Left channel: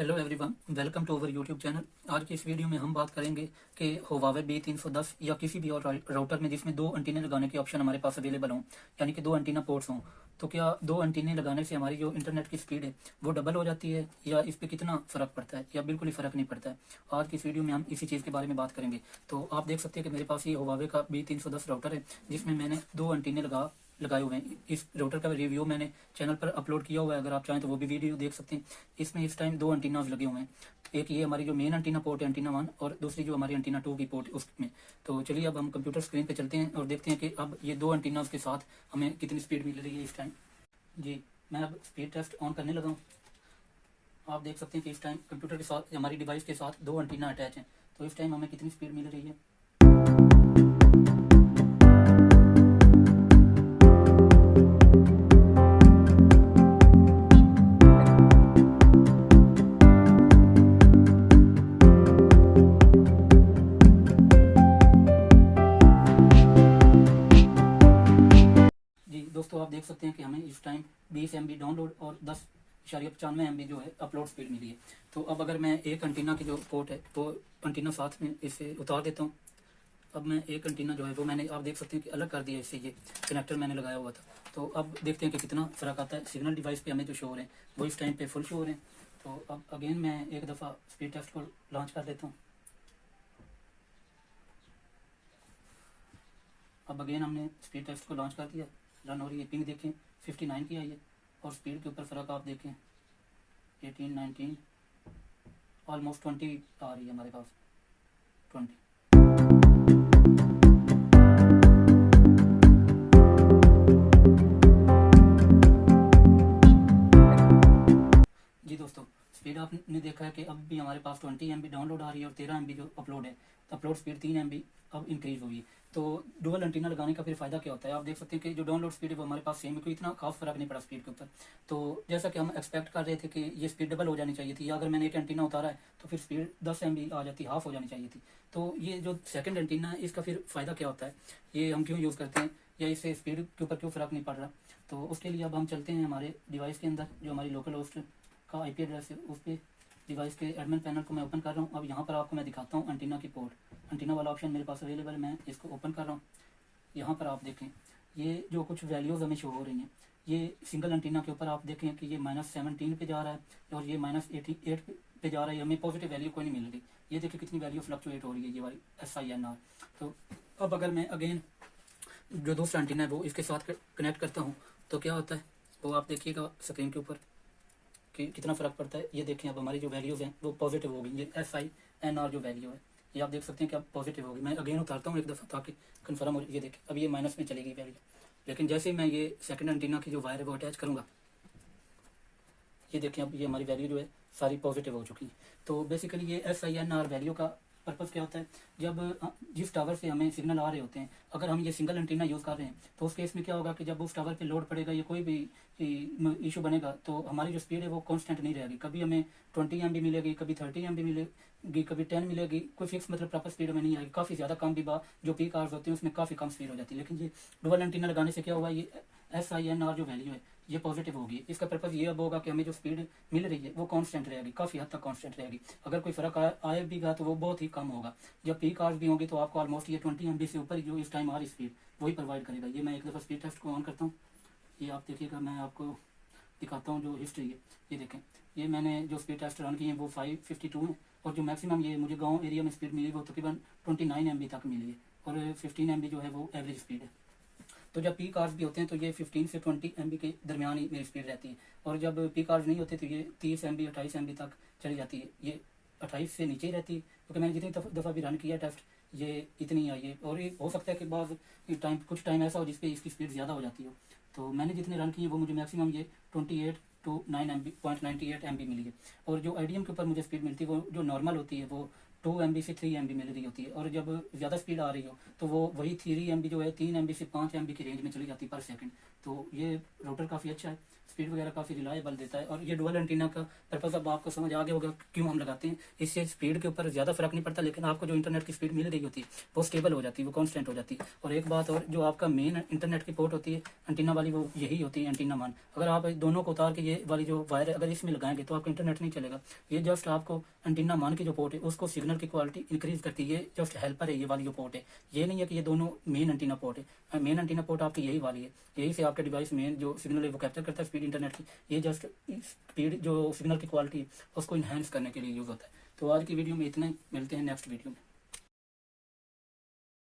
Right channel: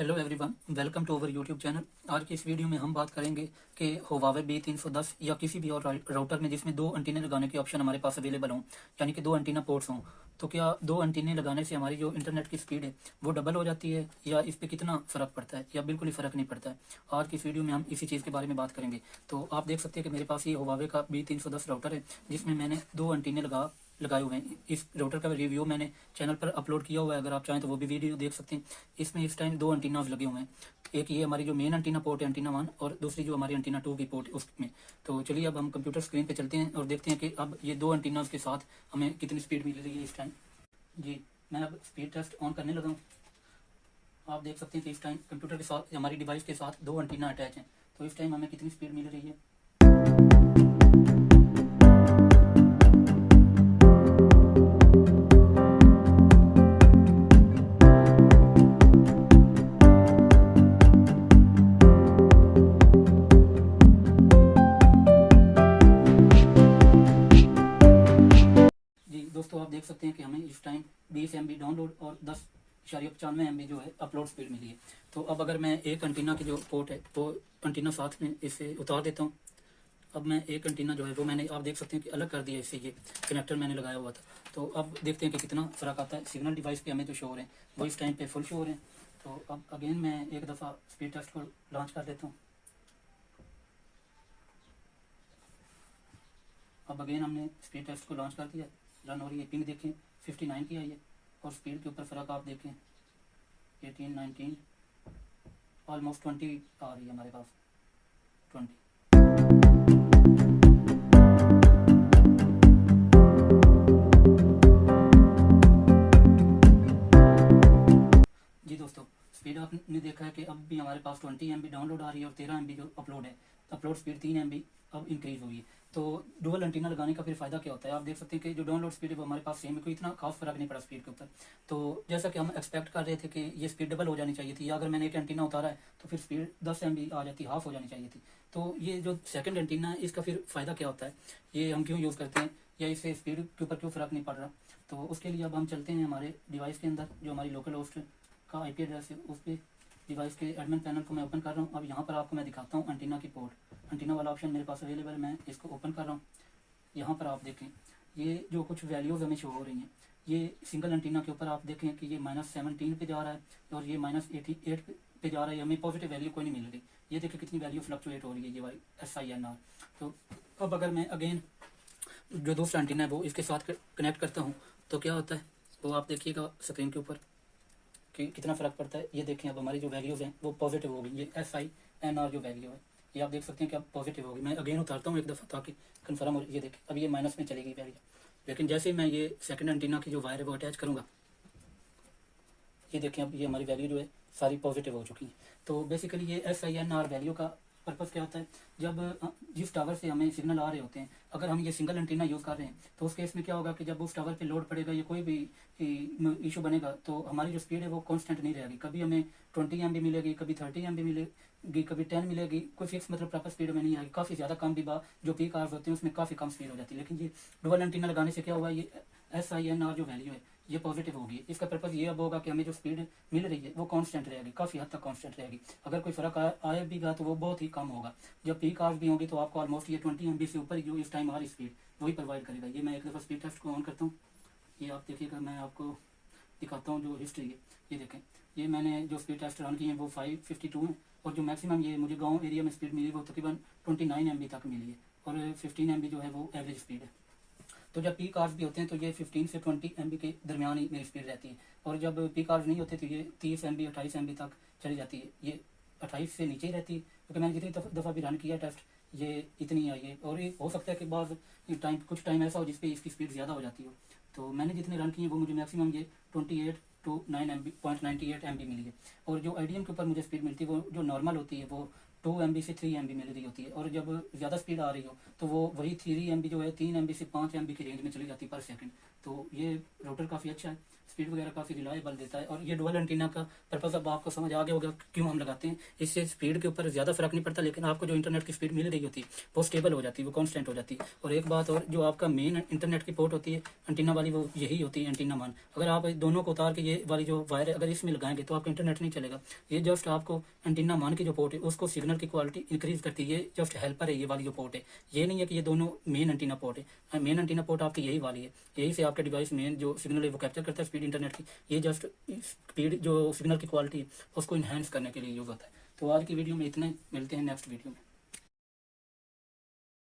Hello everyone, welcome to our YouTube channel. आज की इस वीडियो में हम बात करेंगे कि Huawei B310 या किसी भी और राउटर में जिसमें दो एंटीने लगाने के ऑप्शन हमारे पास अवेलेबल हों, यानी कि दो एंटीना पोर्ट्स हों, तो क्या दो एंटीने लगाने से हमारी जो इंटरनेट की स्पीड है वो डबल हो जाती है या इस पर कितना फ़र्क पड़ता है या बिल्कुल ही फ़र्क नहीं पड़ता है। आज की इस वीडियो में हम इसी चीज़ के बारे में बात करेंगे। तो आप देख सकते हैं कि मेरे पास ये Huawei का B310 राउटर है जिसमें मैंने दो एंटीने लगाए हुए हैं। इस राउटर का रिव्यू मैंने चैनल पर अपलोड किया हुआ है, अगर आप चाहें तो वो भी वीडियो देख सकते हैं। इसमें इस टाइम दो एंटीनाज लगे हुए हैं, एक ये हमारी जो मेन एंटीना पोर्ट है एंटीना 1, और दूसरी जो हमारी एंटीना 2 की पोर्ट है उसमें। तो चलिए अब हम कंप्यूटर स्क्रीन पे चलते हैं और देखते हैं कि अब ये दो एंटीनाज के साथ हमें कितनी स्पीड मिल रही है इस टाइम। जी, मैं अब स्पीड टेस्ट ऑन करने लगा हूँ। आप देख सकते हैं कि इस टाइम कंप्यूटर के साथ हमारी डिवाइस के साथ दो एंटीना अटैच हैं, तो इस टाइम हमें कितनी स्पीड मिल रही है। जी दोस्तों, आप देख सकते हैं कि हमें इस टाइम 20 MB डाउनलोड और 10.95 MB जो है अपलोड स्पीड मिली है। तो अब अगर मैं एक एंटीना की जो पोर्ट है वो एंटीना साथ में इसे उतार देता हूँ। अब मैं एक एंटीना जो है वो मैंने, आप देख सकते हैं कि अलग कर दिया इससे, ये कनेक्टर मैंने लगाया हुआ था। तो अब देखते हैं कि कितना फ़र्क आता है। सिग्नल डिवाइस पे हमें जो शो हो रहे हैं वो इस टाइम पे फुल शो हो रहे हैं। तो अब अगेन मैं एक दफ़ा स्पीड टेस्ट को लॉन्च कर देता हूँ। अब अगेन हमने स्पीड टेस्ट को लॉन्च कर दिया, रन हो रही है। पिंग देखें 59 की आई है और स्पीड के ऊपर फ़र्क आप देखें 18, 19, ऑलमोस्ट 20 आ रही है हमारे पास, 20। जी दोस्तों, स्पीड आपने देखा है कि अब भी हमारे पास 20 MB डाउनलोड आ रही है और 13 MB जो अपलोड है। तो अपलोड स्पीड 3 MB अब इंक्रीज हुई है। तो डुअल एंटीना लगाने का फिर फ़ायदा क्या होता है, आप देख सकते हैं कि जो डाउनलोड स्पीड है वो हमारे पास सेम है, कोई इतना खास फ़र्क नहीं पड़ा स्पीड के ऊपर। तो जैसा कि हम एक्सपेक्ट कर रहे थे कि ये स्पीड डबल हो जानी चाहिए थी, या अगर मैंने एक एंटीना उतारा है तो फिर स्पीड 10 MB आ जाती, हाफ हो जानी चाहिए थी। तो ये जो सेकंड एंटीना है इसका फिर फ़ायदा क्या होता है, ये हम क्यों यूज़ करते हैं, या इससे स्पीड के ऊपर क्यों फ़र्क नहीं पड़ रहा। तो उसके लिए अब हम चलते हैं हमारे डिवाइस के अंदर, जो हमारी लोकल होस्ट है का IP एड्रेस है, उस पर डिवाइस के एडमिन पैनल को मैं ओपन कर रहा हूँ। अब यहाँ पर आपको मैं दिखाता हूँ एंटीना की पोर्ट, एंटीना वाला ऑप्शन मेरे पास अवेलेबल है, मैं इसको ओपन कर रहा हूँ। यहाँ पर आप देखें ये जो कुछ वैल्यूज़ हमें शो हो रही हैं, ये सिंगल एंटीना के ऊपर आप देखें कि ये -17 पे जा रहा है और ये -88 पे जा रहा है, हमें पॉजिटिव वैल्यू कोई नहीं मिल रही। ये देखिए कितनी वैल्यू फ्लक्चुएट हो रही है ये वाली SINR। तो अब अगर मैं अगेन जो दूसरा एंटीना है वो इसके साथ कनेक्ट करता हूँ तो क्या होता है वो आप देखिएगा स्क्रीन के ऊपर कि कितना फ़र्क पड़ता है। ये देखें अब हमारी जो वैल्यूज़ हैं वो पॉजिटिव होगी, ये SINR जो वैल्यू है ये आप देख सकते हैं कि अब पॉजिटिव होगी। मैं अगेन उतारता हूँ एक दफ़ा ताकि कन्फर्म हो। ये देखें अब ये माइनस में चलेगी वैल्यू, लेकिन जैसे ही मैं ये सेकंड एंटीना की जो वायर है वो अटैच करूँगा, ये देखें अब ये हमारी वैल्यू जो है सारी पॉजिटिव हो चुकी है। तो बेसिकली ये SINR वैल्यू का पर्पज़ क्या होता है, जब जिस टावर से हमें सिग्नल आ रहे होते हैं, अगर हम ये सिंगल एंटीना यूज़ कर रहे हैं तो उस केस में क्या होगा कि जब उस टावर पे लोड पड़ेगा या कोई भी इशू बनेगा तो हमारी जो स्पीड है वो कांस्टेंट नहीं रहेगी। कभी हमें 20 MB मिलेगी, कभी 30 MB मिलेगी, कभी 10 मिलेगी, कोई फिक्स मतलब प्रॉपर स्पीड में नहीं आएगी। काफ़ी ज़्यादा कम भी जो पीक आवर्स होते हैं उसमें काफ़ी कम स्पीड हो जाती है। लेकिन ये डुअल एंटीना लगाने से क्या हुआ, ये SINR जो वैल्यू है ये पॉजिटिव होगी। इसका पर्पज़ ये अब होगा कि हमें जो स्पीड मिल रही है वो कांस्टेंट रहेगी, काफ़ी हद तक कांस्टेंट रहेगी। अगर कोई फ़र्क आया भी गा तो वो बहुत ही कम होगा। जब पीक आवर्स भी होंगे तो आपको ऑलमोस्ट ये 20 MB से ऊपर जो इस टाइम हमारी स्पीड वही प्रोवाइड करेगा। ये मैं एक दफ़ा स्पीड टेस्ट को ऑन करता हूँ, ये आप देखिएगा, मैं आपको दिखाता हूँ जो हिस्ट्री है। ये देखें ये मैंने जो स्पीड टेस्ट रन किए हैं वो 552 है, और जो मैक्सिमम ये मुझे गांव एरिया में स्पीड मिली वो तकरीबन 29 MB तक मिली है, और 15 MB जो है वो एवरेज स्पीड है। तो जब पीक आवर्स भी होते हैं तो ये 15 से 20 MB के दरमियान ही मेरी स्पीड रहती है, और जब पीक आवर्स नहीं होते तो ये 30 MB 28 MB तक चली जाती है। ये 28 से नीचे ही रहती है, क्योंकि मैंने जितनी दफ़ा भी रन किया टेस्ट ये इतनी आई है। और ये हो सकता है कि बाद कुछ टाइम ऐसा हो जिसपे इसकी स्पीड ज़्यादा हो जाती हो। तो मैंने जितने रन किए वो मुझे मैक्सिमम ये 28 to 9.98 MB मिली है। और जो IDM के ऊपर मुझे स्पीड मिलती है वो जो नॉर्मल होती है वो 2 MB से 3 MB मिल रही होती है, और जब ज़्यादा स्पीड आ रही हो तो वो वही 3 MB जो है 3 MB से 5 MB की रेंज में चली जाती है पर सेकंड। तो ये राउटर काफ़ी अच्छा है, स्पीड वगैरह काफ़ी रिलायबल देता है। और ये डुअल एंटीना का पर्पस अब आपको समझ आ गया होगा क्यों हम लगाते हैं। इससे स्पीड के ऊपर ज़्यादा फर्क नहीं पड़ता, लेकिन आपको जो इंटरनेट की स्पीड मिल रही होती है वो स्टेबल हो जाती है, वो कांस्टेंट हो जाती है। और एक बात और, जो आपका मेन इंटरनेट की पोर्ट होती है एंटीना वाली, वो यही होती है एंटीना मान। अगर आप दोनों को उतार के ये वाली जो वायर है अगर इसमें लगाएंगे तो आपका इंटरनेट नहीं चलेगा। ये जस्ट आपको एंटीना मान की जो पोर्ट है उसको सिग्नल की क्वालिटी इंक्रीज करती है, जस्ट हेल्पर है ये वाली जो पोर्ट है। ये नहीं है कि ये दोनों मेन एंटीना पोर्ट है। मेन एंटीना पोर्ट आपकी यही वाली है, यही से आपके डिवाइस मेन जो सिग्नल है वो कैप्चर करता है स्पीड इंटरनेट की। ये जस्ट स्पीड जो सिग्नल की क्वालिटी है उसको इन्हांस करने के लिए यूज़ होता है। तो आज की वीडियो में इतने, मिलते हैं नेक्स्ट वीडियो में।